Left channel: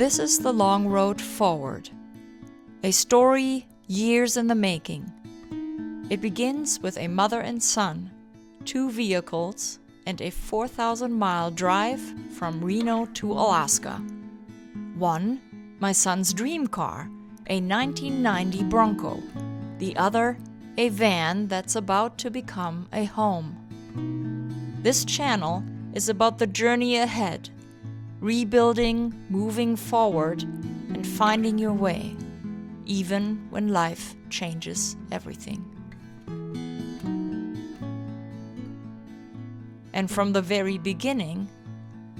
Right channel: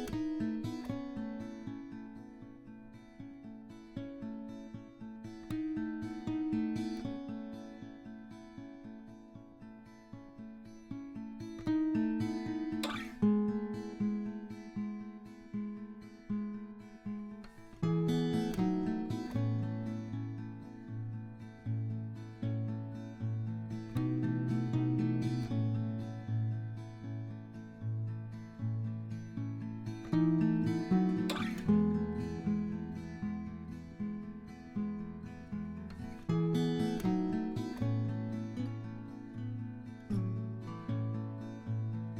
This is the long road forward, a story years in the making. It begins with a mother and son, 2 vehicles, and a 4,000-mile drive from Reno to Alaska. One, my son's dream car, a 1990 Bronco. The other, a van that's about to become a home. This channel is about the journey ahead, rebuilding, moving forward, and finding your way, even when life changes everything. And from the very beginning,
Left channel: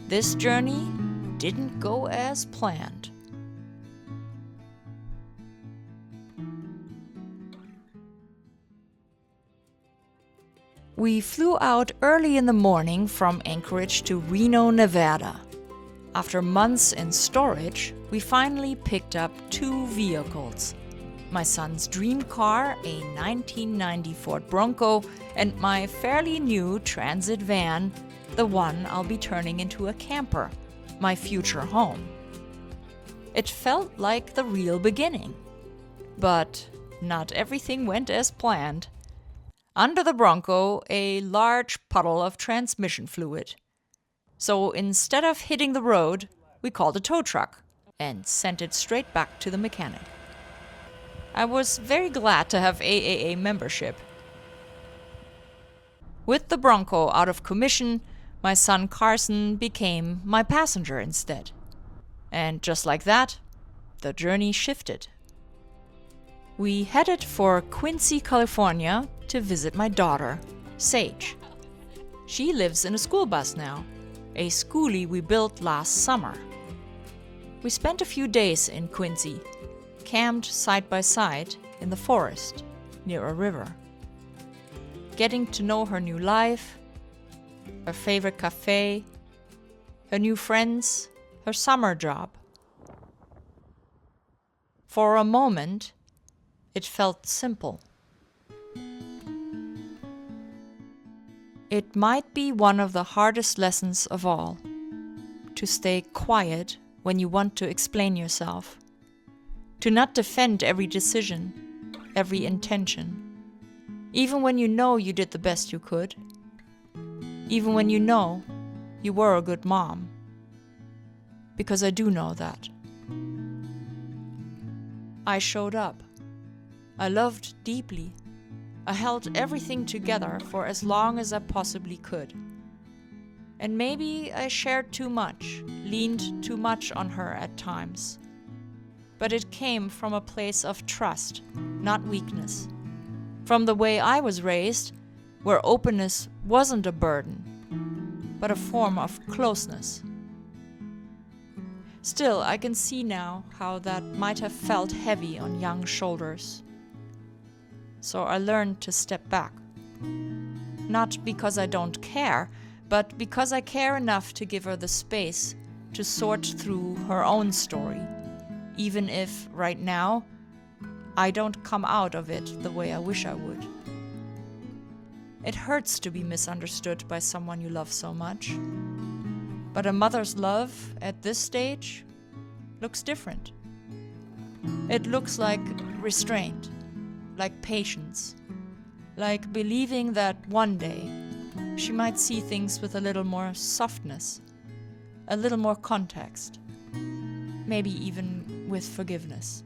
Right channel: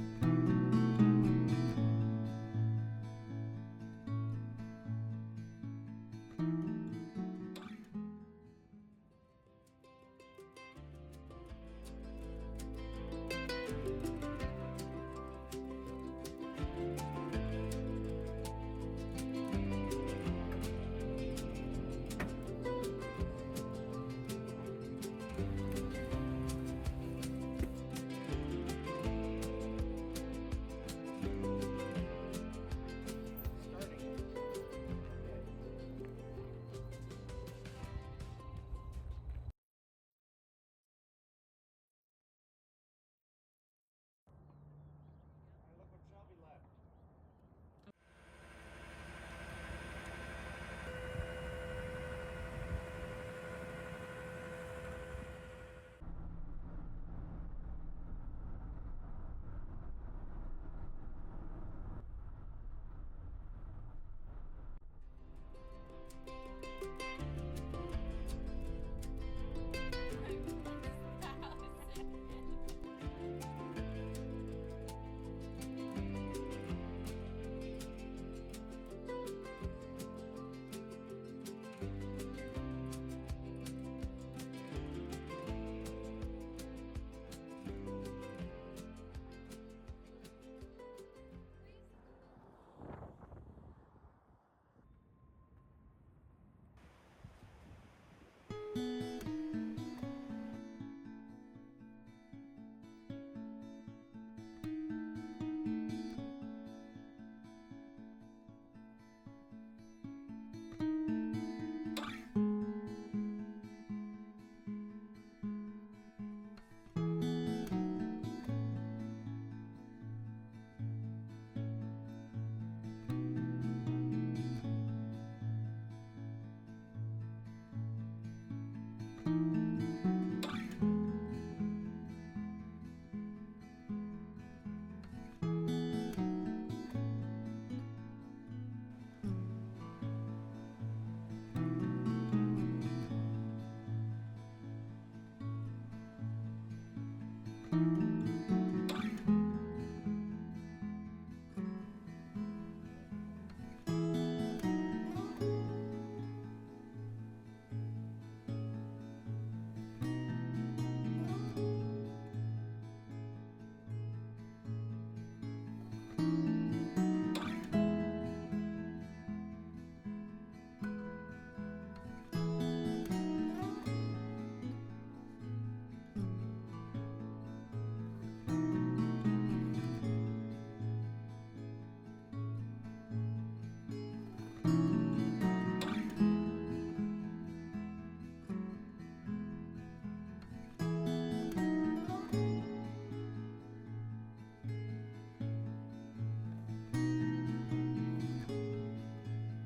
this journey didn't go as planned. We flew out early in the morning from Anchorage to Reno, Nevada. After months in storage, we finally picked up 2 vehicles. My son's dream car, a 1990 Ford Bronco, and my fairly new transit van, the one I'll be turning into a camper, my future home. It felt like the real beginning. But not everything went as planned. Under the Bronco, a large puddle of transmission fluid. So instead of hitting the road, we called a tow truck and sent it straight back to the mechanic. I was very glad to have AAA membership. With the Bronco out of commission, my son Carson became my passenger instead. And just like that, the journey shifted. We headed for Quincy, California to visit my daughter, Sage. She lives in a school bus now, a schoolie we built last summer. We spent a few days in Quincy, camped side by side in the forest near a river, getting to know her new life, her favorite cafe, her new friends, her summer job. For a moment, it felt simple. It might be one of the hardest lessons of all, to stay quiet when you want to explain yourself, to not defend every decision, every intention, even when you know you did the best you could, even when you know you were a good mom, because I do know that. I showed up. I loved deeply. I held everything together for as long as I possibly could. And maybe I shared too much, leaned too much on her at times. But it came from a place of trust, not weakness. From the way I was raised, where openness wasn't a burden, but a form of closeness. Still, I can see now how that might have felt heavy on young shoulders. So I learned to step back. Not because I don't care, but because I care enough to give her the space to sort through her own story, even if, right now, I don't come out of it the way I wish I would. It hurts to be misunderstood by someone you love so much. But a mother's love at this stage looks different. It looks like restraint, like patience, like believing that one day she might see things with a little more softness, a little more context, maybe even with forgiveness.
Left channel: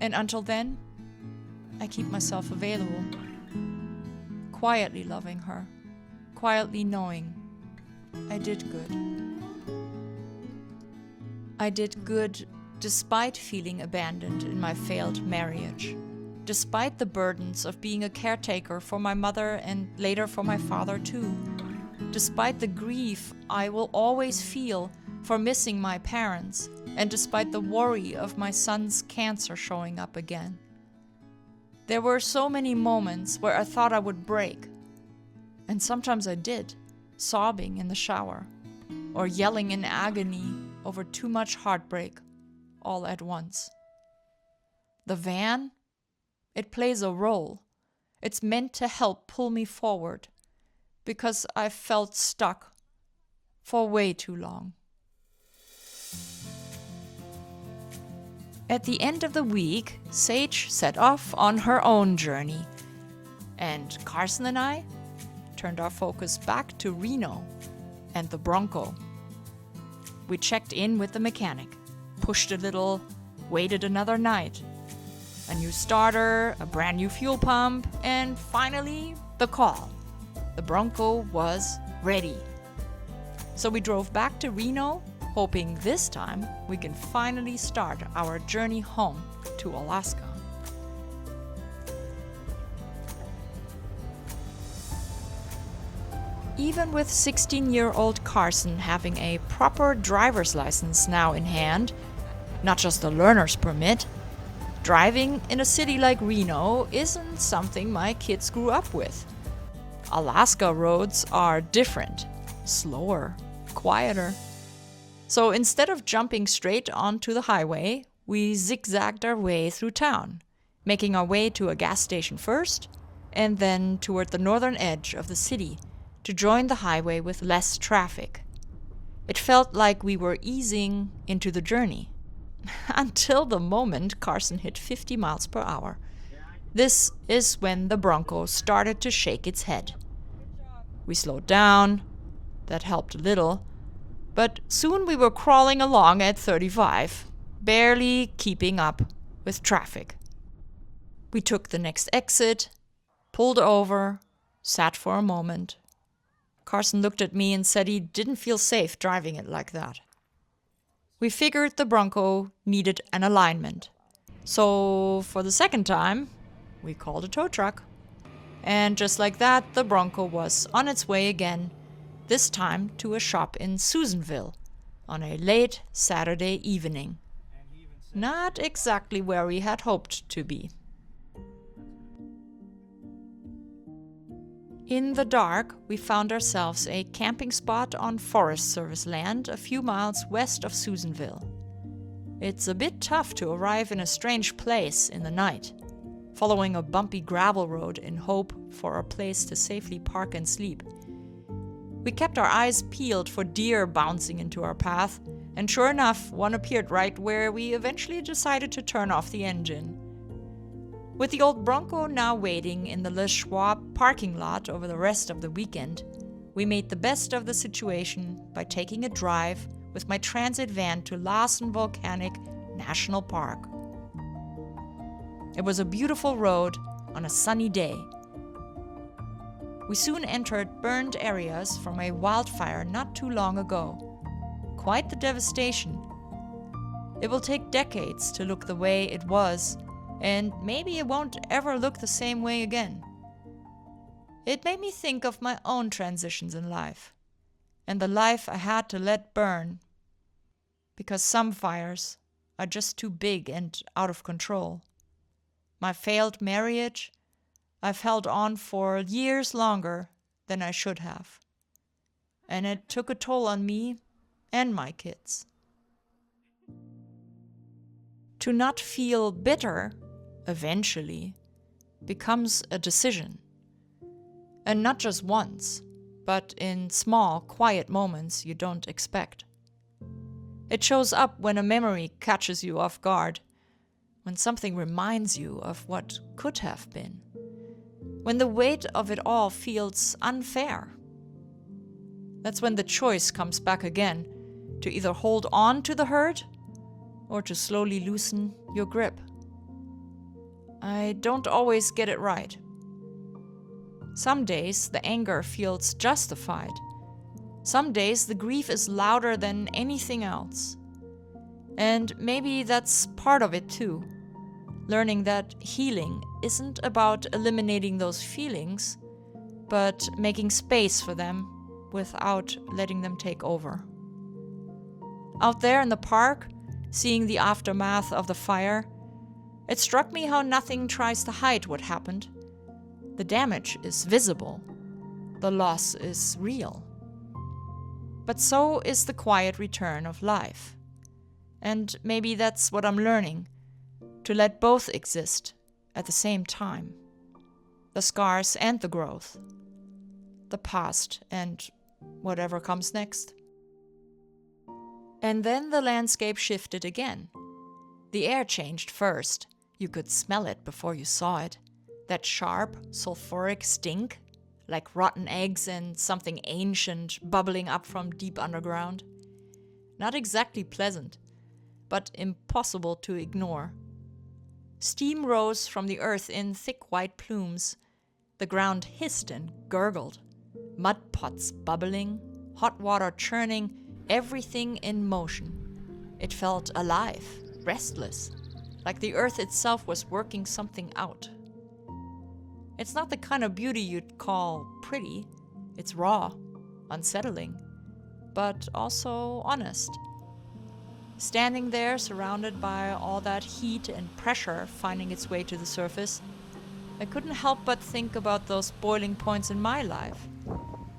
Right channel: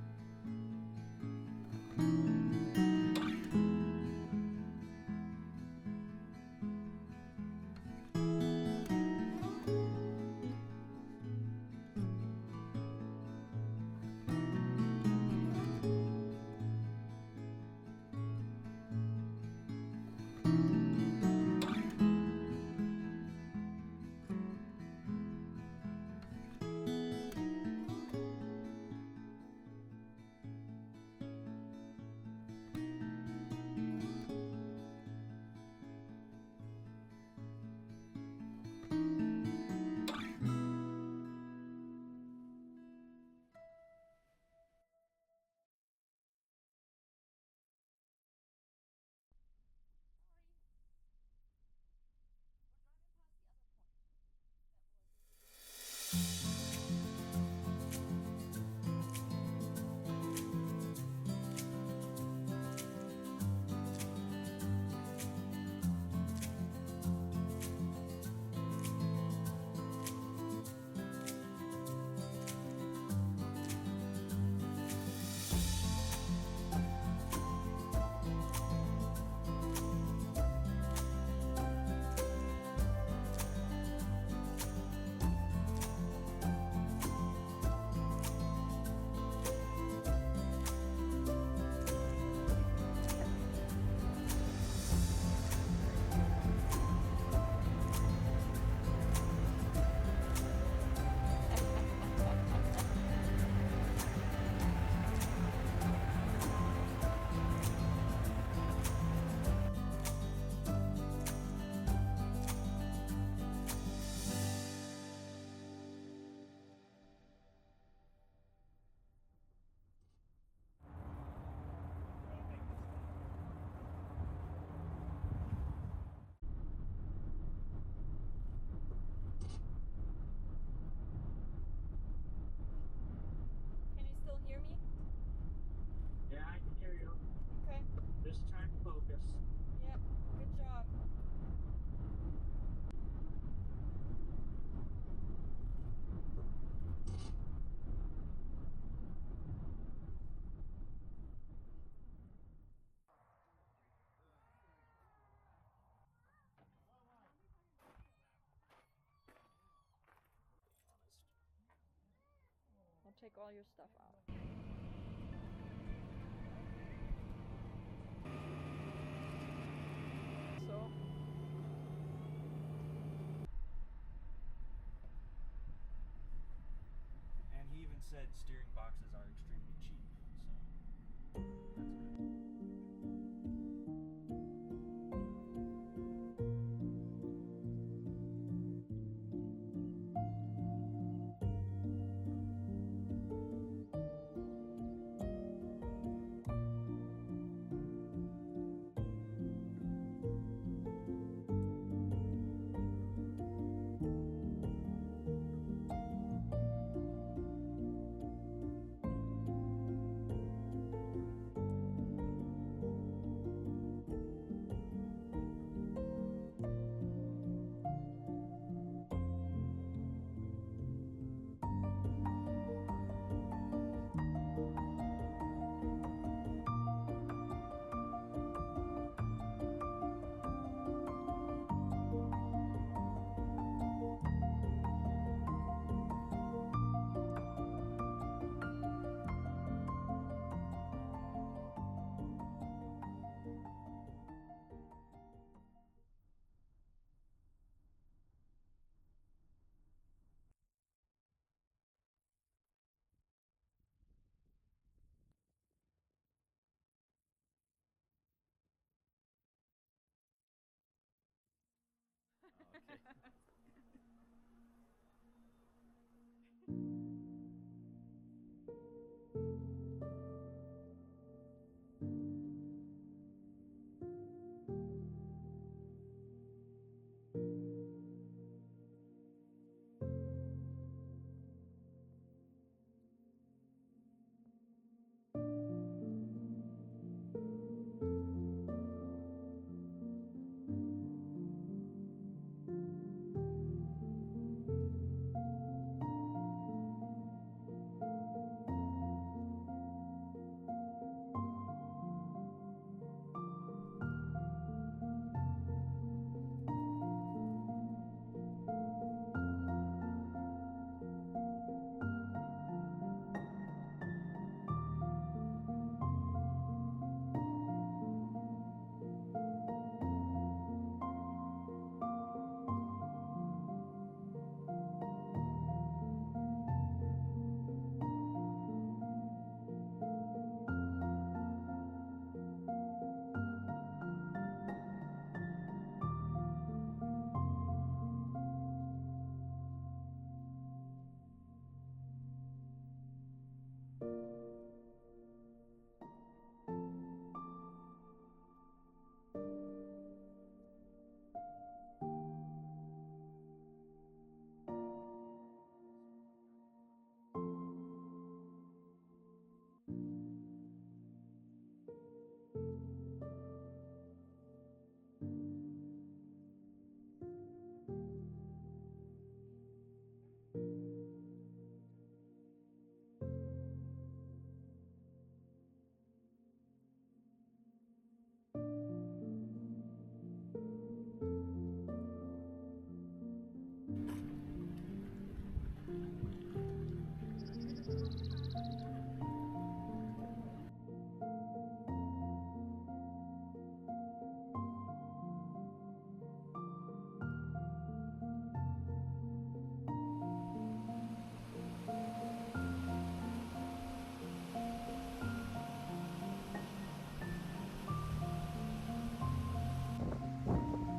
And until then, I keep myself available, quietly loving her, quietly knowing I did good. I did good despite feeling abandoned in my failed marriage, despite the burdens of being a caretaker for my mother and later for my father too, despite the grief I will always feel for missing my parents, and despite the worry of my son's cancer showing up again. There were so many moments where I thought I would break, and sometimes I did, sobbing in the shower, or yelling in agony over too much heartbreak all at once. The van? It plays a role. It's meant to help pull me forward, because I felt stuck for way too long. At the end of the week, Sage set off on her own journey, and Carson and I turned our focus back to Reno and the Bronco. We checked in with the mechanic, pushed a little, waited another night. A new starter, a brand new fuel pump, and finally, the call. The Bronco was ready. So we drove back to Reno, hoping this time we can finally start our journey home to Alaska. Even with 16-year-old Carson having a proper driver's license now in hand, not just a learner's permit, driving in a city like Reno isn't something my kids grew up with. Alaska roads are different, slower, quieter. So instead of jumping straight onto the highway, we zigzagged our way through town, making our way to a gas station first, and then toward the northern edge of the city to join the highway with less traffic. It felt like we were easing into the journey. Until the moment Carson hit 50 miles per hour. This is when the Bronco started to shake its head. We slowed down. That helped a little. But soon we were crawling along at 35, barely keeping up with traffic. We took the next exit, pulled over, sat for a moment. Carson looked at me and said he didn't feel safe driving it like that. We figured the Bronco needed an alignment. So for the second time, we called a tow truck. And just like that, the Bronco was on its way again, this time to a shop in Susanville on a late Saturday evening. Not exactly where we had hoped to be. In the dark, we found ourselves a camping spot on Forest Service land a few miles west of Susanville. It's a bit tough to arrive in a strange place in the night, following a bumpy gravel road in hope for a place to safely park and sleep. We kept our eyes peeled for deer bouncing into our path, and sure enough, one appeared right where we eventually decided to turn off the engine. With the old Bronco now waiting in the Le Schwab parking lot over the rest of the weekend, we made the best of the situation by taking a drive with my transit van to Larsen Volcanic National Park. It was a beautiful road on a sunny day. We soon entered burned areas from a wildfire not too long ago. Quite the devastation. It will take decades to look the way it was, and maybe it won't ever look the same way again. It made me think of my own transitions in life, and the life I had to let burn, because some fires are just too big and out of control. My failed marriage, I've held on for years longer than I should have, and it took a toll on me and my kids. To not feel bitter, eventually, becomes a decision. And not just once, but in small, quiet moments you don't expect. It shows up when a memory catches you off guard, when something reminds you of what could have been, when the weight of it all feels unfair. That's when the choice comes back again, to either hold on to the hurt or to slowly loosen your grip. I don't always get it right. Some days the anger feels justified. Some days the grief is louder than anything else. And maybe that's part of it too. Learning that healing isn't about eliminating those feelings, but making space for them without letting them take over. Out there in the park, seeing the aftermath of the fire, it struck me how nothing tries to hide what happened. The damage is visible. The loss is real. But so is the quiet return of life. And maybe that's what I'm learning, to let both exist at the same time. The scars and the growth. The past and whatever comes next. And then the landscape shifted again. The air changed first. You could smell it before you saw it. That sharp, sulfuric stink, like rotten eggs and something ancient bubbling up from deep underground. Not exactly pleasant, but impossible to ignore. Steam rose from the earth in thick white plumes. The ground hissed and gurgled. Mud pots bubbling, hot water churning, everything in motion. It felt alive, restless, like the earth itself was working something out. It's not the kind of beauty you'd call pretty. It's raw, unsettling, but also honest. Standing there, surrounded by all that heat and pressure finding its way to the surface, I couldn't help but think about those boiling points in my life.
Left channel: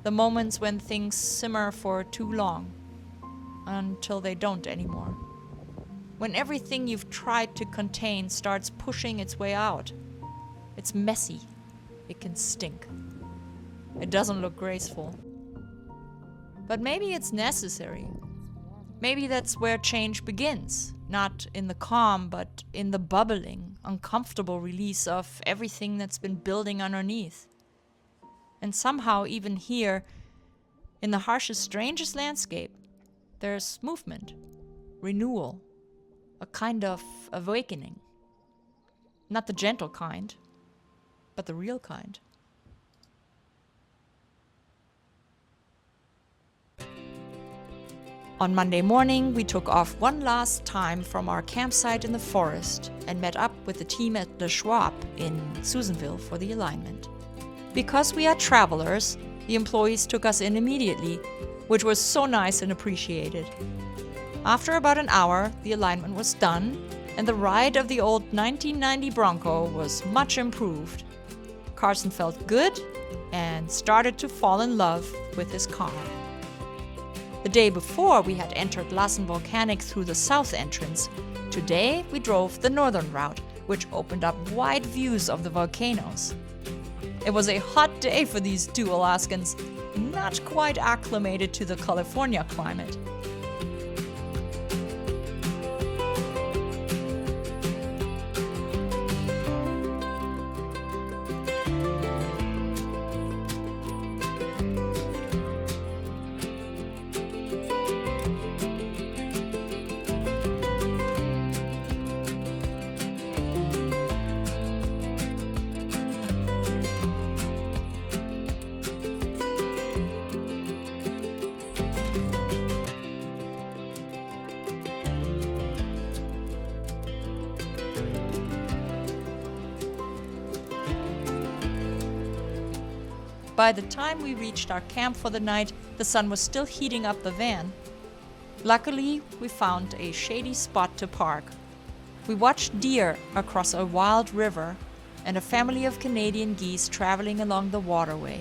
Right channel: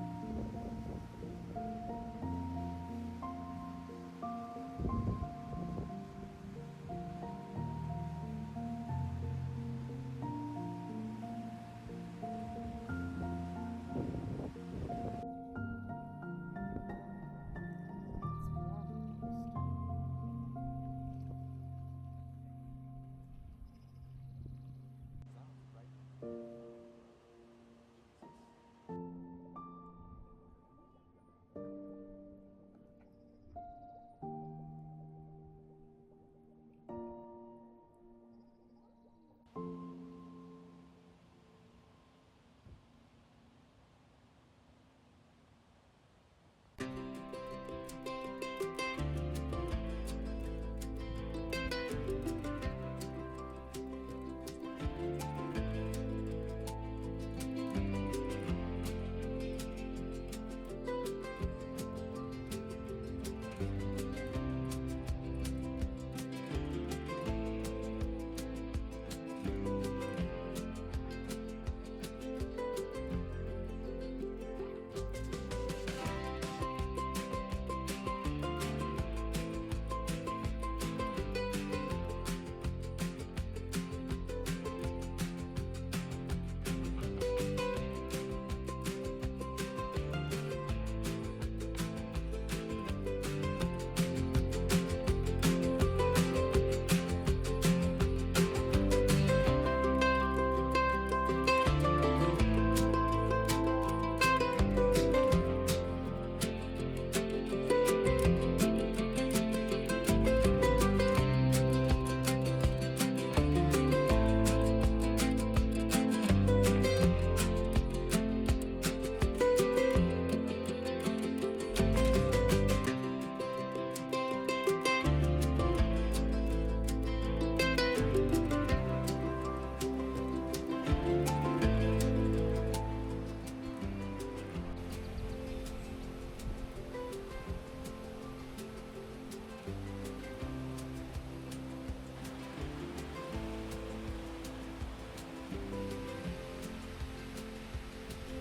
The moments when things simmer for too long, until they don't anymore. When everything you've tried to contain starts pushing its way out. It's messy. It can stink. It doesn't look graceful. But maybe it's necessary. Maybe that's where change begins, not in the calm, but in the bubbling, uncomfortable release of everything that's been building underneath. And somehow, even here, in the harshest, strangest landscape, there's movement, renewal, a kind of awakening. Not the gentle kind, but the real kind. On Monday morning, we took off one last time from our campsite in the forest and met up with the team at the Schwab in Susanville for the alignment. Because we are travelers, the employees took us in immediately, which was so nice and appreciated. After about an hour, the alignment was done, and the ride of the old 1990 Bronco was much improved. Carson felt good and started to fall in love with his car. The day before, we had entered Lassen Volcanic through the south entrance. Today, we drove the northern route, which opened up wide views of the volcanoes. It was a hot day for these two Alaskans, not quite acclimated to the California climate. By the time we reached our camp for the night, the sun was still heating up the van. Luckily, we found a shady spot to park. We watched deer across a wild river and a family of Canadian geese traveling along the waterway,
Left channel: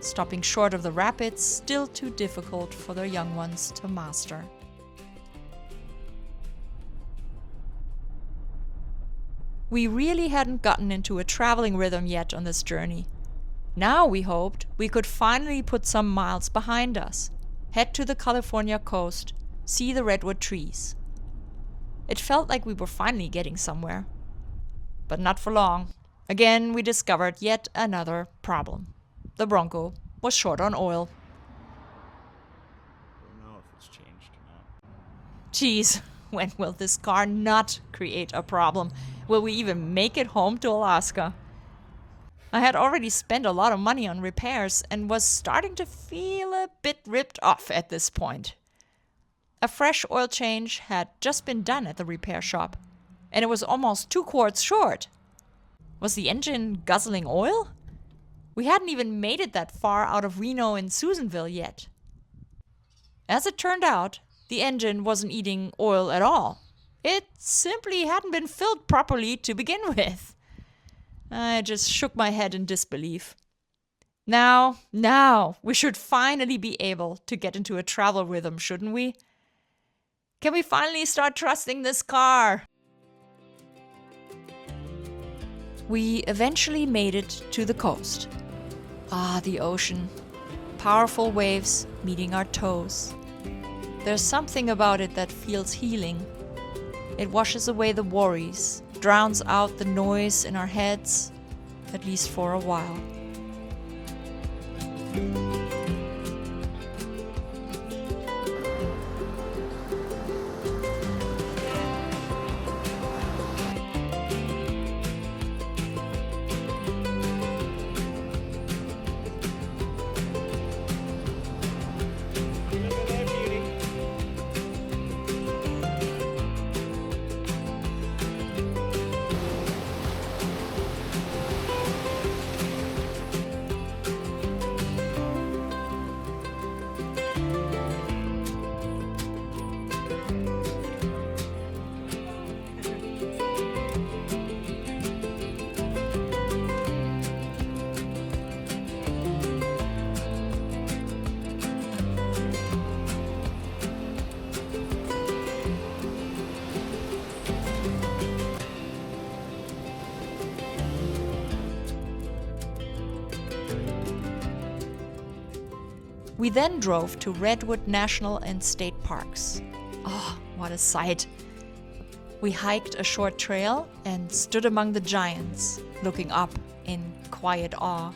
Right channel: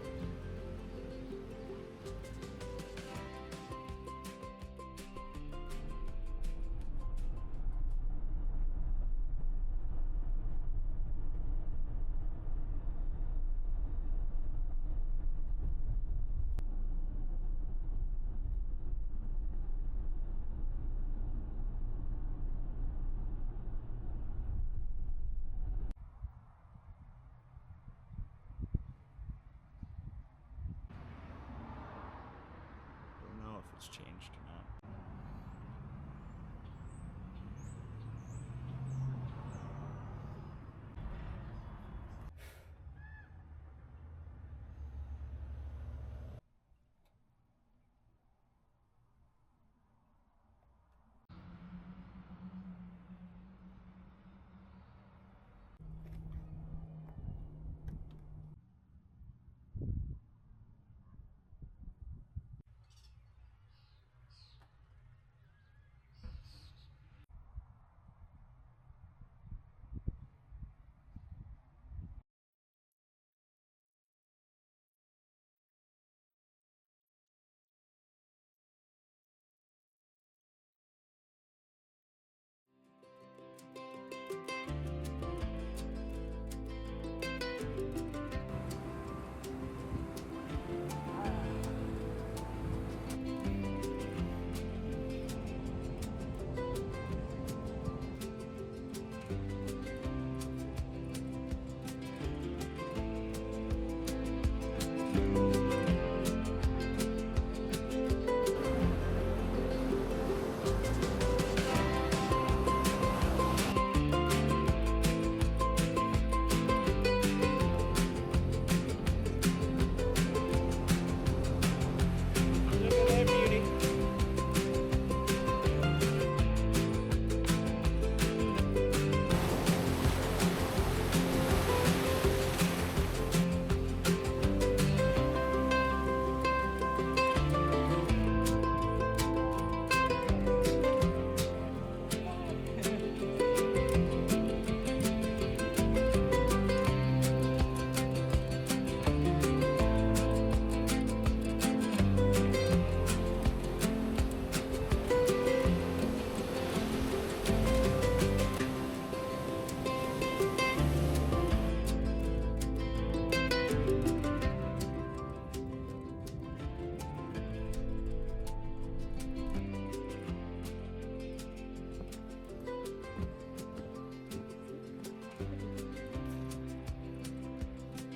stopping short of the rapids, still too difficult for their young ones to master. We really hadn't gotten into a traveling rhythm yet on this journey. Now we hoped we could finally put some miles behind us, head to the California coast, see the redwood trees. It felt like we were finally getting somewhere. But not for long. Again, we discovered yet another problem. The Bronco was short on oil. I don't know if it's changed or not. Geez, when will this car not create a problem? Will we even make it home to Alaska? I had already spent a lot of money on repairs and was starting to feel a bit ripped off at this point. A fresh oil change had just been done at the repair shop, and it was almost 2 quarts short. Was the engine guzzling oil? We hadn't even made it that far out of Reno and Susanville yet. As it turned out, the engine wasn't eating oil at all. It simply hadn't been filled properly to begin with. I just shook my head in disbelief. Now, we should finally be able to get into a travel rhythm, shouldn't we? Can we finally start trusting this car? We eventually made it to the coast. Ah, the ocean. Powerful waves meeting our toes. There's something about it that feels healing. It washes away the worries, drowns out the noise in our heads, at least for a while. Look at that beauty. We then drove to Redwood National and State Parks. Oh, what a sight! We hiked a short trail and stood among the giants, looking up in quiet awe.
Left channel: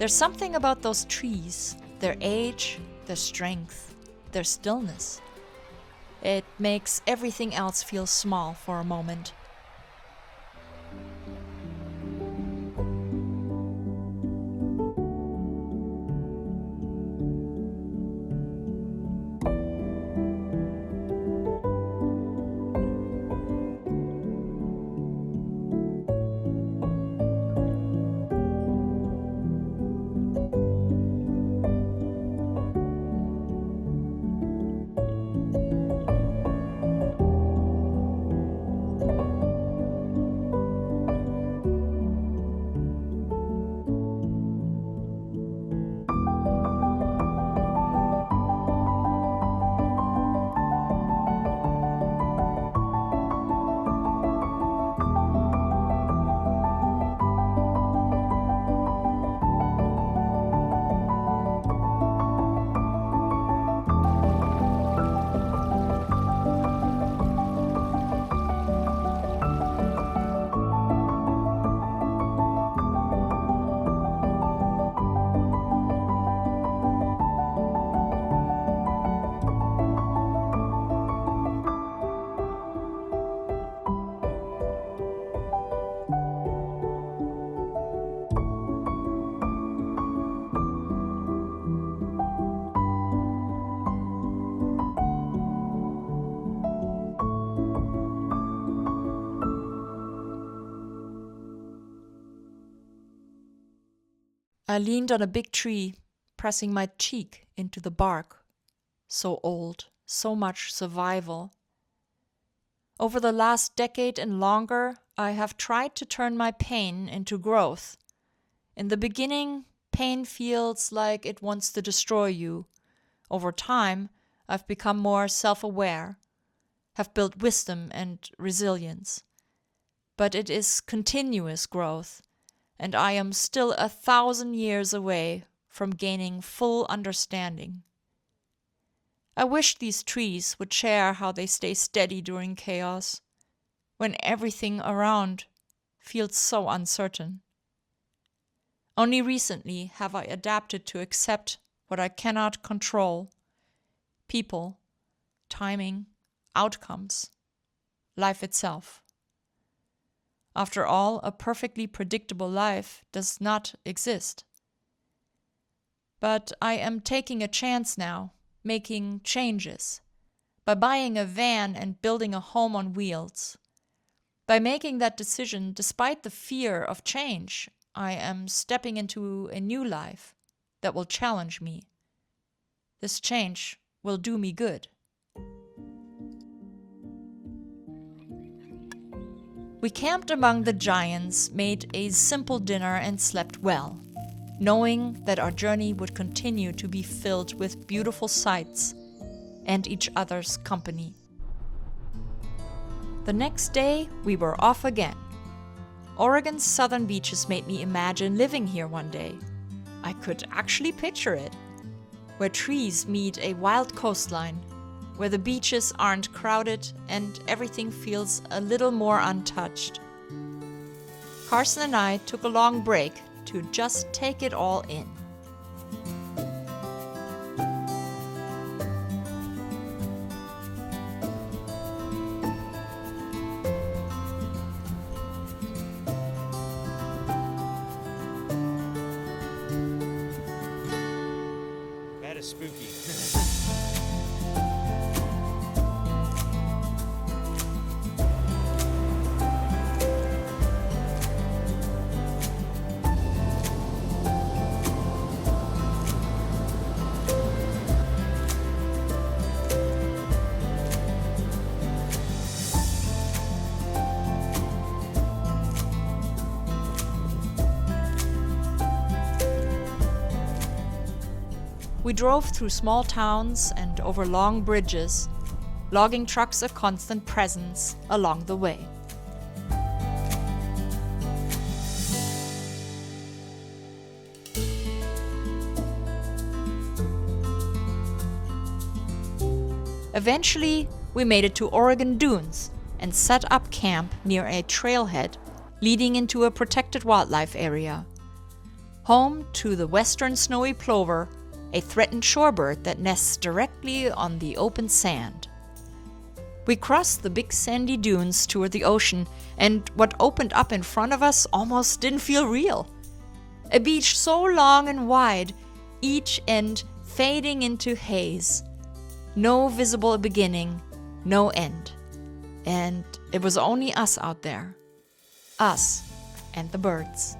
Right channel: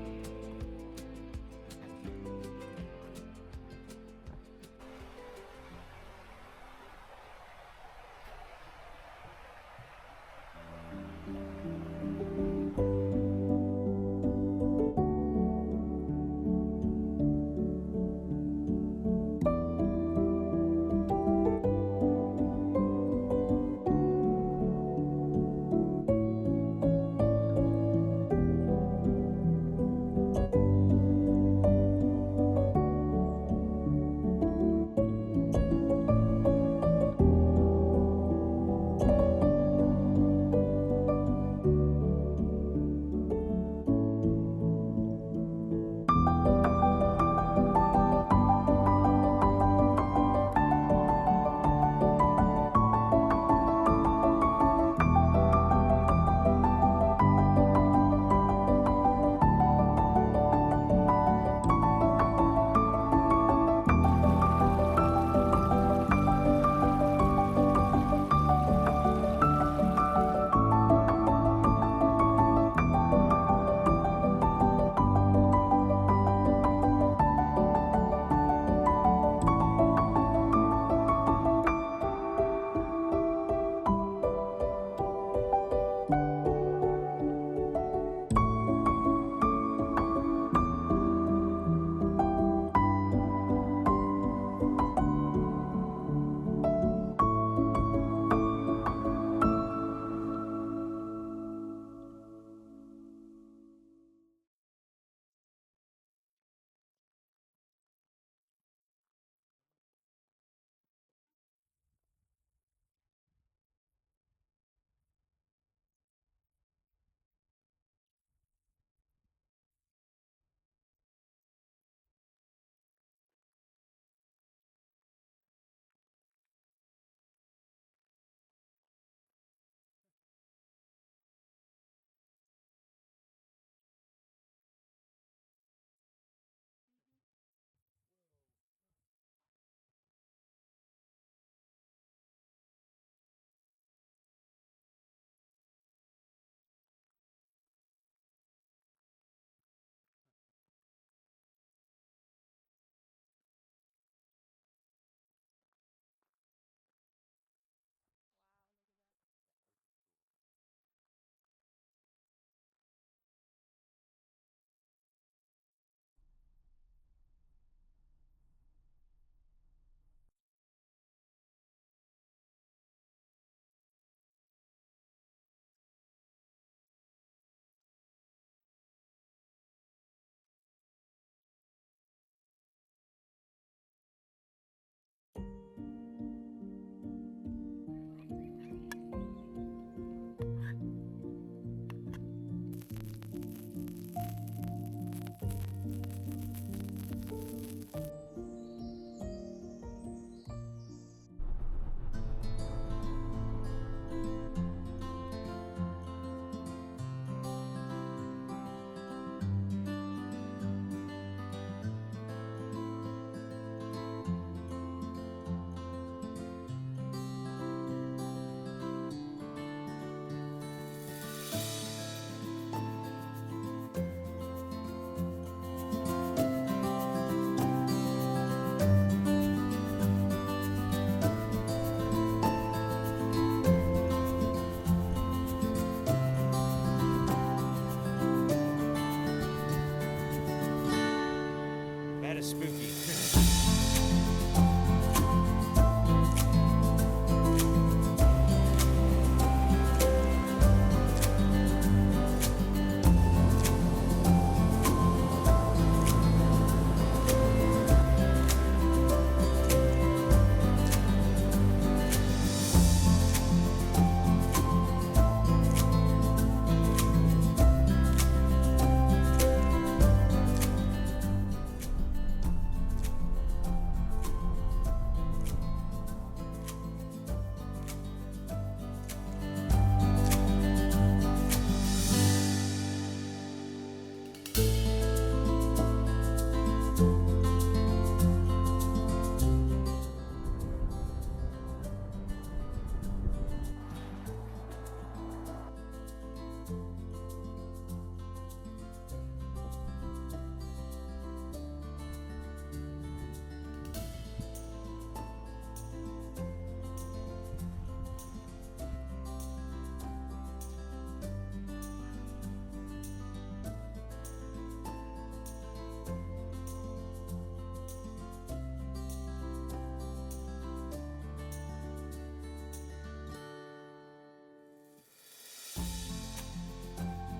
There's something about those trees, their age, their strength, their stillness. It makes everything else feel small for a moment. I leaned on a big tree, pressing my cheek into the bark. So old, so much survival. Over the last decade and longer, I have tried to turn my pain into growth. In the beginning, pain feels like it wants to destroy you. Over time, I've become more self-aware, have built wisdom and resilience. But it is continuous growth, and I am still 1,000 years away from gaining full understanding. I wish these trees would share how they stay steady during chaos, when everything around feels so uncertain. Only recently have I adapted to accept what I cannot control: people, timing, outcomes, life itself. After all, a perfectly predictable life does not exist. But I am taking a chance now, making changes, by buying a van and building a home on wheels. By making that decision, despite the fear of change, I am stepping into a new life that will challenge me. This change will do me good. We camped among the giants, made a simple dinner, and slept well, knowing that our journey would continue to be filled with beautiful sights and each other's company. The next day, we were off again. Oregon's southern beaches made me imagine living here one day. I could actually picture it, where trees meet a wild coastline, where the beaches aren't crowded and everything feels a little more untouched. Carson and I took a long break to just take it all in. That is spooky. We drove through small towns and over long bridges, logging trucks a constant presence along the way. Eventually, we made it to Oregon Dunes and set up camp near a trailhead leading into a protected wildlife area, home to the western snowy plover, a threatened shorebird that nests directly on the open sand. We crossed the big sandy dunes toward the ocean, and what opened up in front of us almost didn't feel real. A beach so long and wide, each end fading into haze. No visible beginning, no end. And it was only us out there. Us and the birds.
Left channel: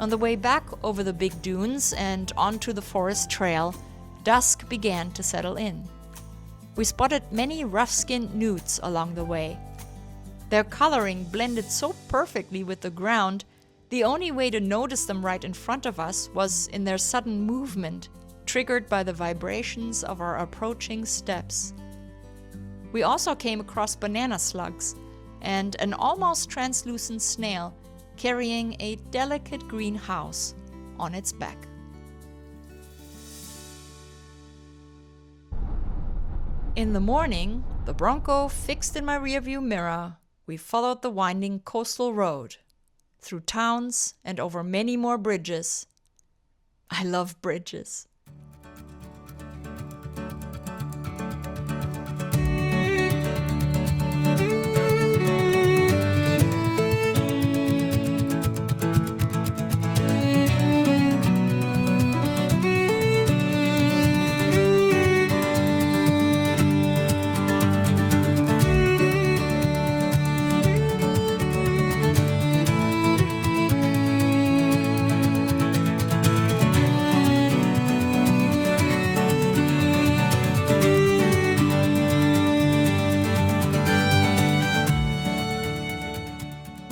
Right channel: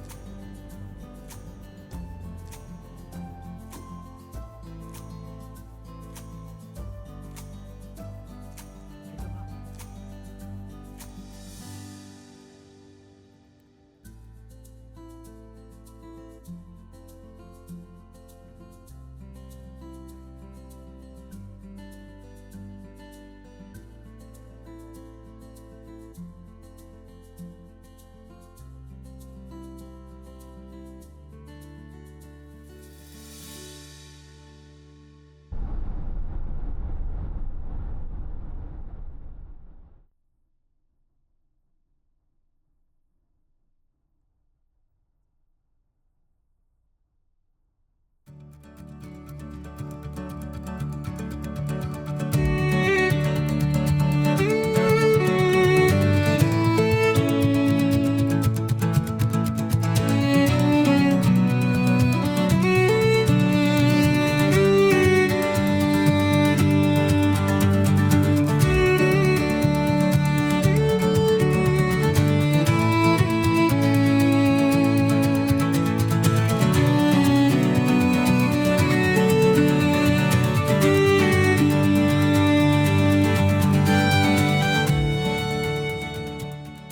On the way back over the big dunes and onto the forest trail, dusk began to settle in. We spotted many rough-skinned newts along the way. Their coloring blended so perfectly with the ground, the only way to notice them right in front of us was in their sudden movement, triggered by the vibrations of our approaching steps. We also came across banana slugs and an almost translucent snail carrying a delicate green house on its back. In the morning, the Bronco fixed in my rearview mirror, we followed the winding coastal road, through towns and over many more bridges. I love bridges.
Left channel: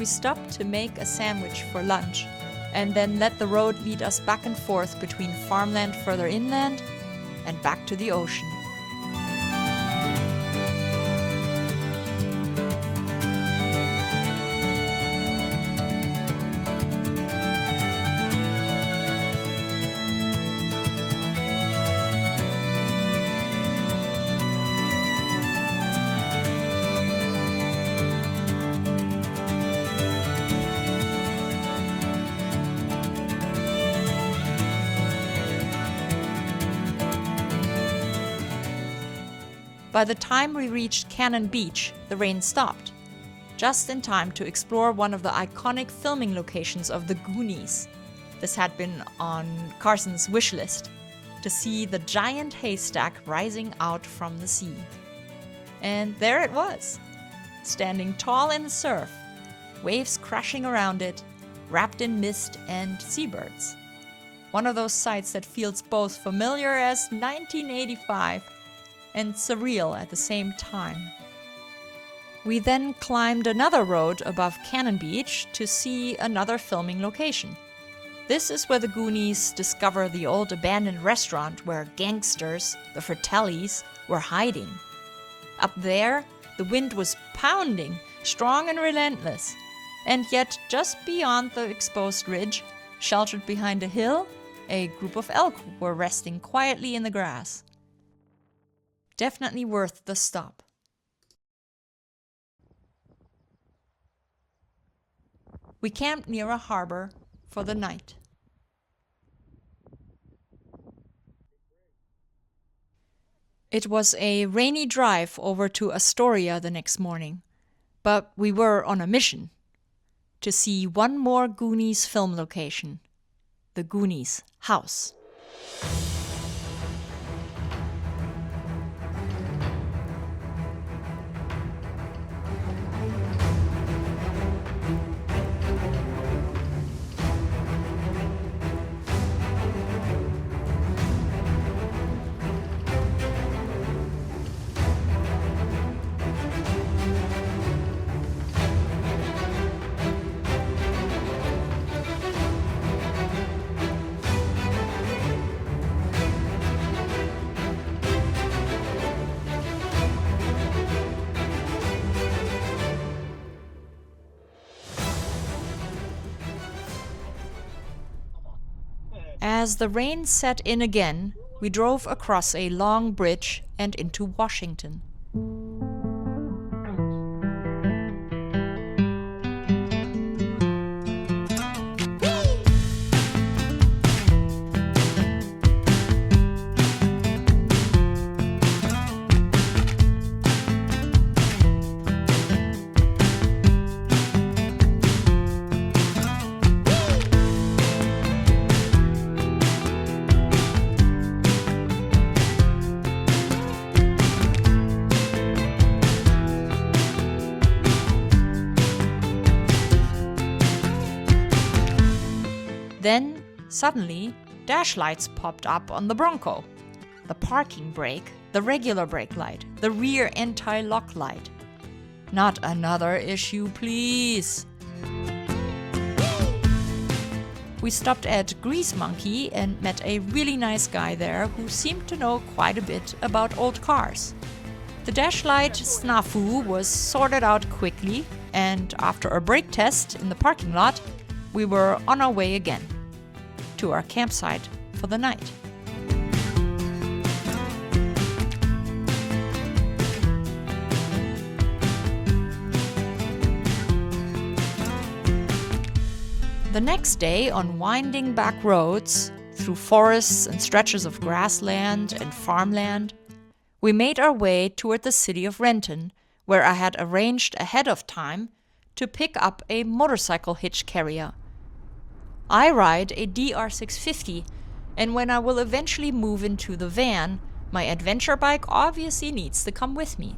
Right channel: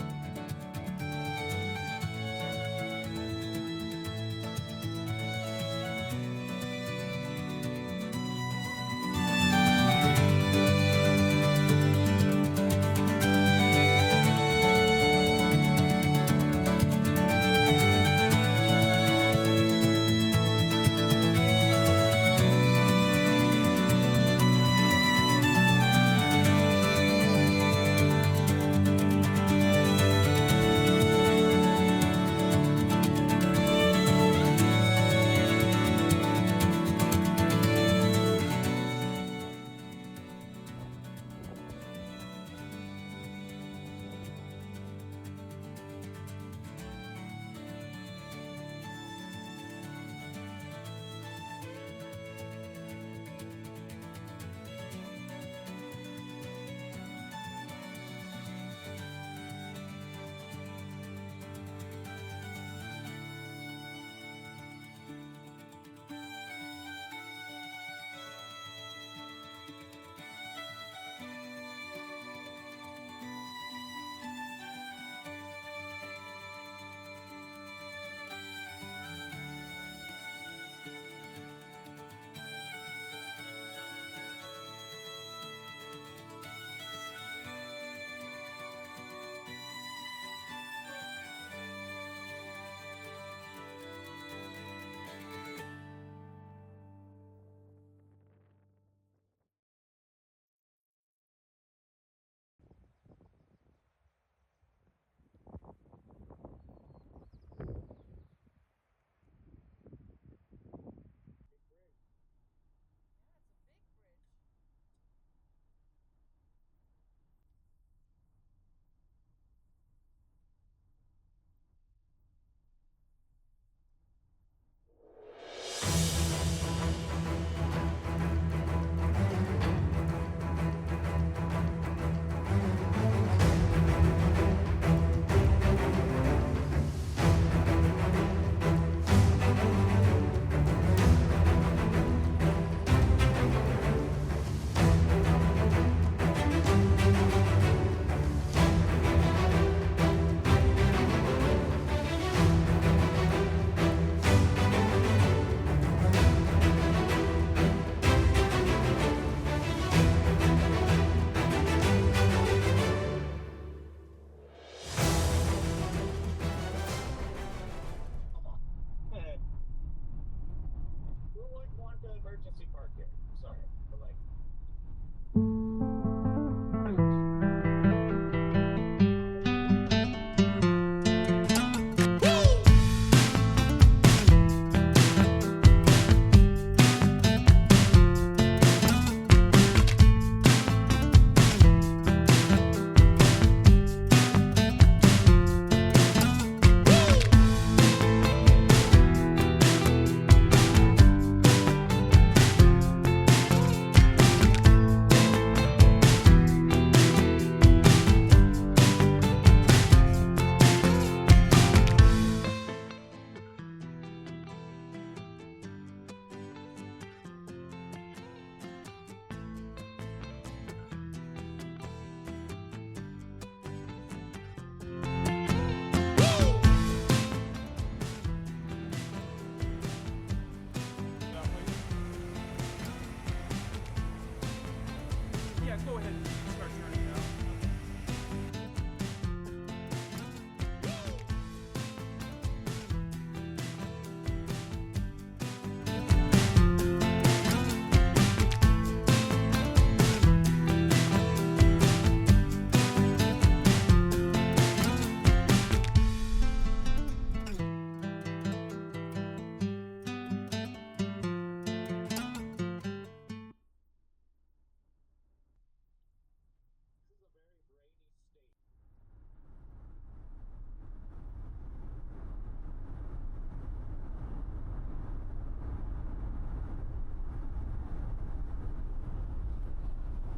Stopped to make a sandwich for lunch, and then let the road lead us back and forth between farmland further inland and back to the ocean. By the time we reached Cannon Beach, the rain stopped, just in time to explore one of the iconic filming locations of The Goonies. This had been on Carson's wish list, to see the giant haystack rising out from the sea. And there it was, standing tall in the surf, waves crashing around it, wrapped in mist and seabirds. One of those sights that feels both familiar as 1985 and surreal at the same time. We then climbed another road above Cannon Beach to see another filming location. This is where the Goonies discover the old abandoned restaurant where gangsters, the Fratellis, were hiding. Up there, the wind was pounding, strong and relentless. And yet, just beyond the exposed ridge, sheltered behind a hill, a group of elk were resting quietly in the grass. Definitely worth the stop. We camped near a harbor for the night. It was a rainy drive over to Astoria the next morning, but we were on a mission to see one more Goonies film location, the Goonies house. As the rain set in again, we drove across a long bridge and into Washington. Then, suddenly, dash lights popped up on the Bronco. The parking brake, the regular brake light, the rear anti-lock light. Not another issue, please. We stopped at Grease Monkey and met a really nice guy there who seemed to know quite a bit about old cars. The dash light snafu was sorted out quickly, and after a brake test in the parking lot, we were on our way again to our campsite for the night. The next day, on winding back roads through forests and stretches of grassland and farmland, we made our way toward the city of Renton, where I had arranged ahead of time to pick up a motorcycle hitch carrier. I ride a DR650, and when I will eventually move into the van, my adventure bike obviously needs to come with me.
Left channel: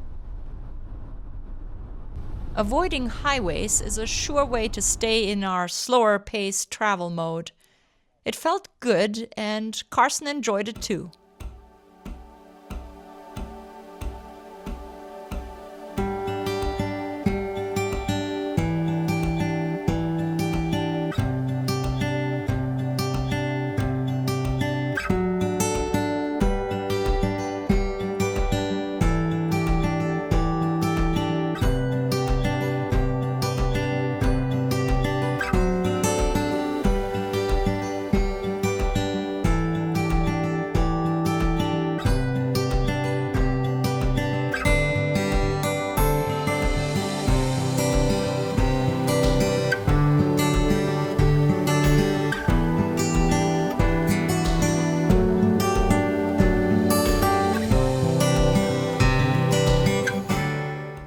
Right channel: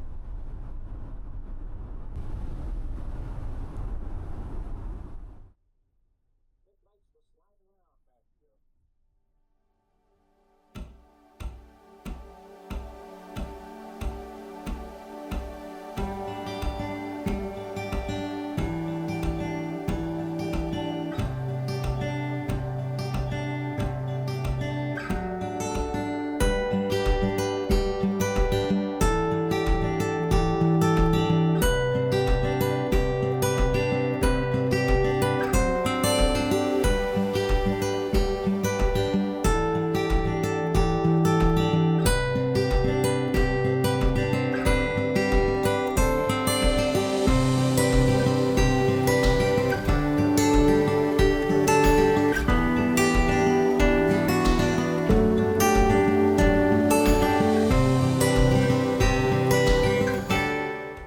Avoiding highways is a sure way to stay in our slower-paced travel mode. It felt good, and Carson enjoyed it too.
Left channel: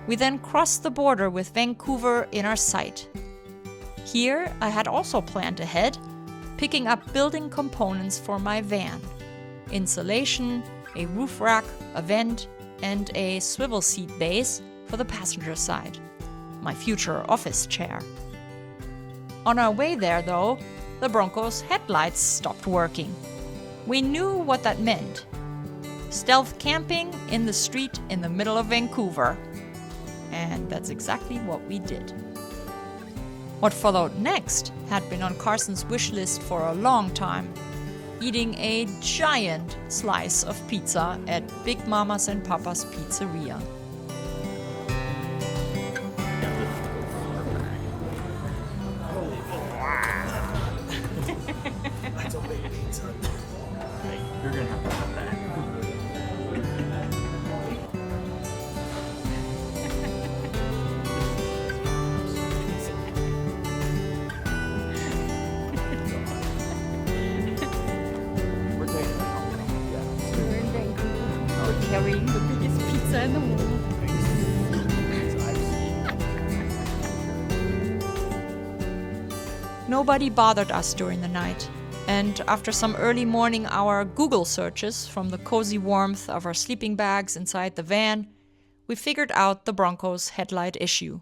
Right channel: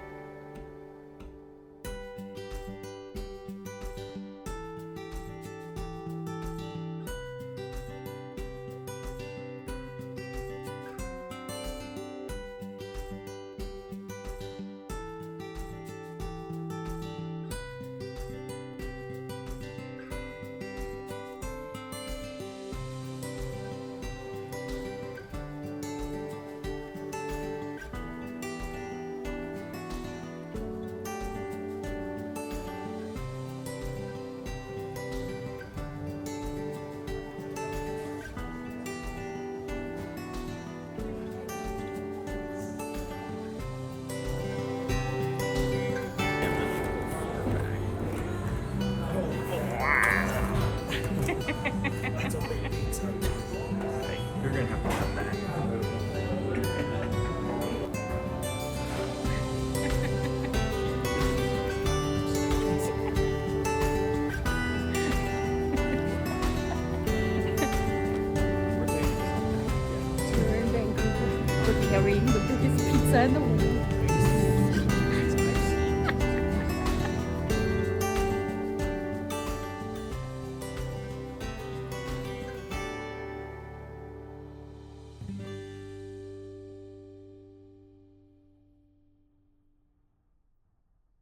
We then crossed the border with Vancouver in our sight. Here, I had also planned ahead, picking up building components for my van: insulation, a roof rack, a vent, and a swivel seat base for the passenger side, my future office chair. On our way there, though, the Bronco's headlights stopped working. We knew what that meant. Stealth camping in the street in the middle of Vancouver. And that's exactly what we did. What followed next had been on Carson's wish list for a long time. Eating a giant slice of pizza at Big Mama's and Papa's Pizzeria. That's a big pizza. You're gonna have to cut that. We're in Vancouver. We're carrying the biggest pizza in the world. Nobody bothered us during the night, and after some early morning hour Google searches from the cozy warmth of our sleeping bags inside the van, we figured out the Bronco's headlight issue.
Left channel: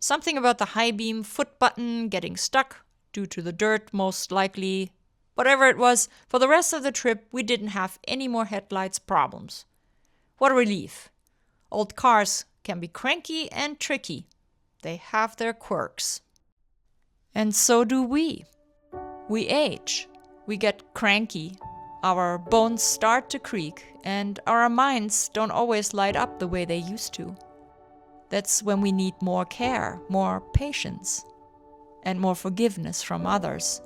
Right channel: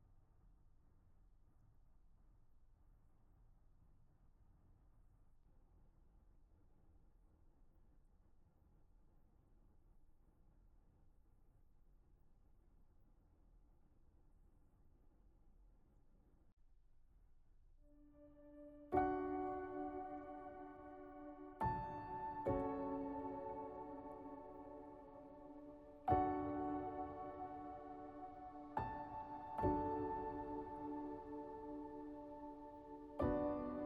Something about the high beam foot button getting stuck, due to the dirt most likely. Whatever it was, for the rest of the trip we didn't have any more headlights problems. What a relief. Old cars can be cranky and tricky. They have their quirks. And so do we. We age. We get cranky. Our bones start to creak, and our minds don't always light up the way they used to. That's when we need more care, more patience, and more forgiveness from others.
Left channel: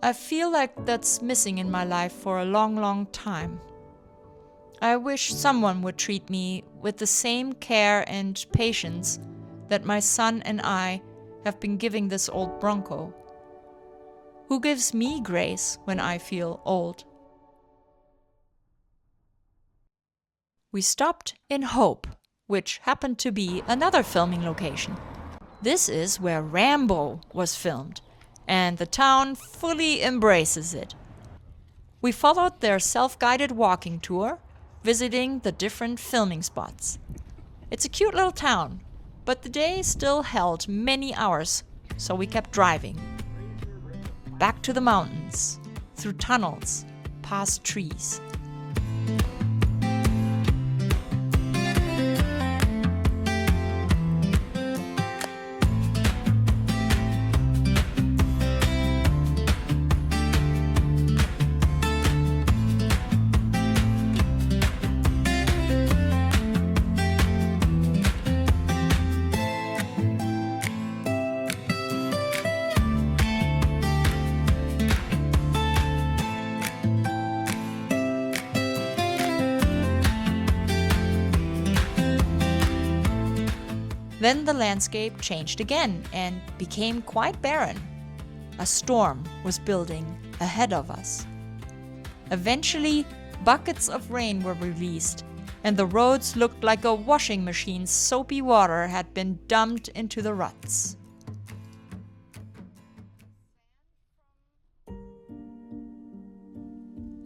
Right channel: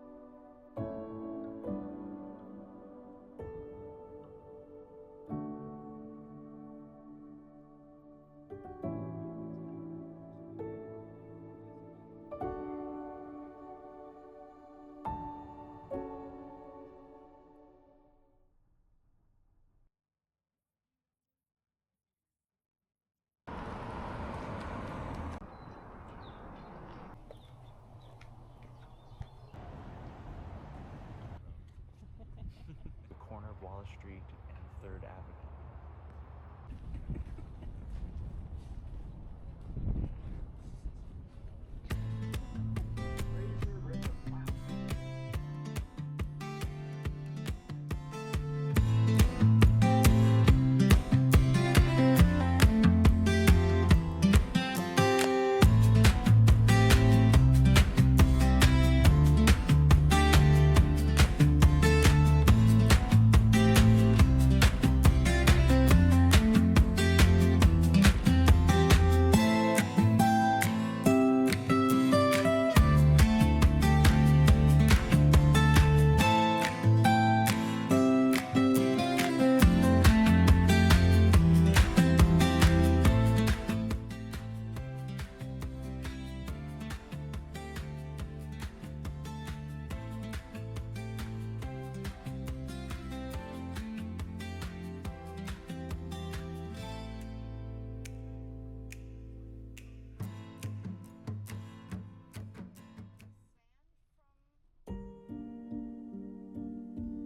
I feel like that's missing in my life for a long, long time. I wish someone would treat me with the same care and patience that my son and I have been giving this old Bronco. Who gives me grace when I feel old? We stopped in Hope, which happened to be another filming location. This is where Rambo was filmed, and the town fully embraces it. We followed their self-guided walking tour, visiting the different filming spots. It's a cute little town, but the day still held many hours, so we kept driving. Back to the mountains, through tunnels, past trees. Then the landscape changed again and became quite barren. A storm was building ahead of us. Eventually, buckets of rain were released, and the roads looked like a washing machine's soapy water had been dumped into the ruts.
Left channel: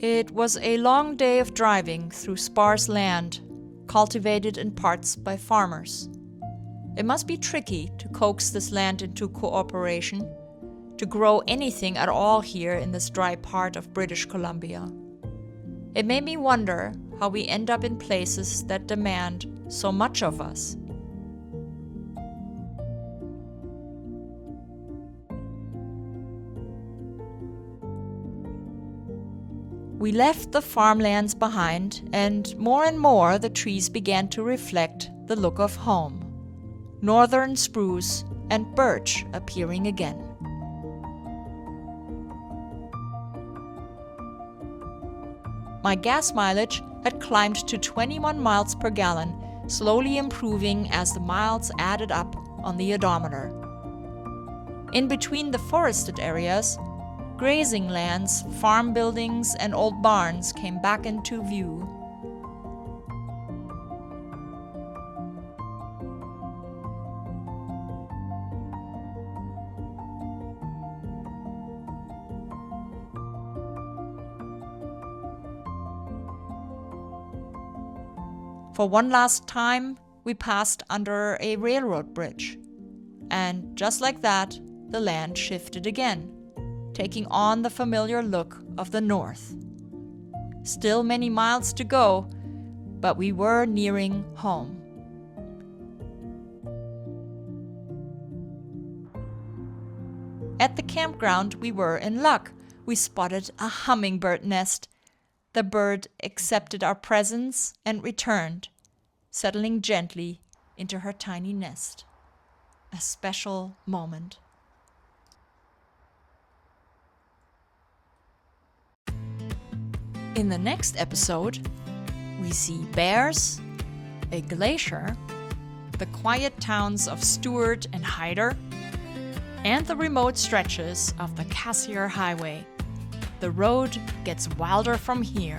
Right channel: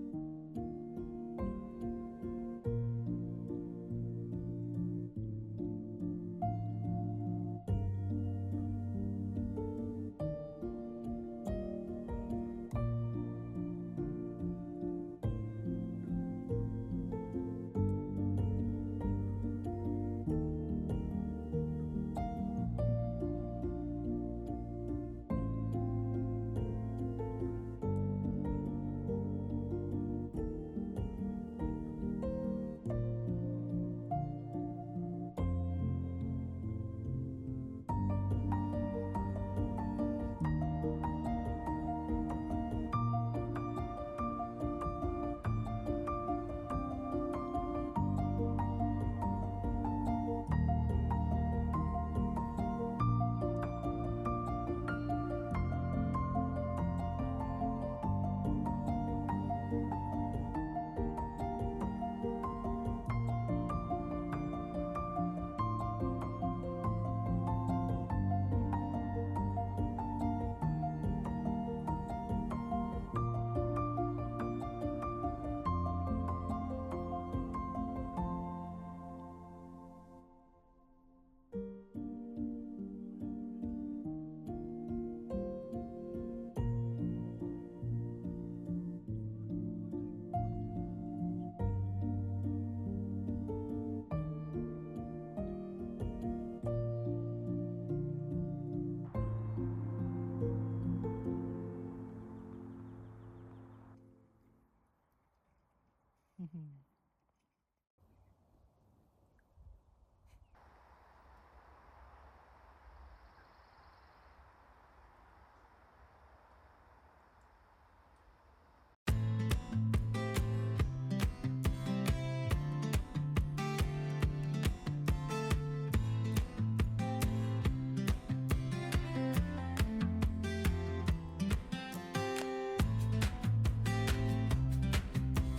It was a long day of driving through sparse land, cultivated in parts by farmers. It must be tricky to coax this land into cooperation, to grow anything at all here in this dry part of British Columbia. It made me wonder how we end up in places that demand so much of us. We left the farmlands behind, and more the trees began to reflect the look of home. Northern spruce and birch appearing again. My gas mileage had climbed to 21 miles per gallon, slowly improving as the miles added up on the odometer. In between the forested areas, grazing lands, farm buildings, and old barns came back into view. For one last time, we passed under a railroad bridge. And just like that, the land shifted again, taking on the familiar look of the north. Still many miles to go, but we were nearing home. At the campground, we were in luck. We spotted a hummingbird nest. The bird accepted our presence and returned, settling gently into her tiny nest. A special moment. In the next episode, we see bears, a glacier, the quiet towns of Stewart and Hyder, and the remote stretches of the Cassiar Highway. The road gets wilder from here.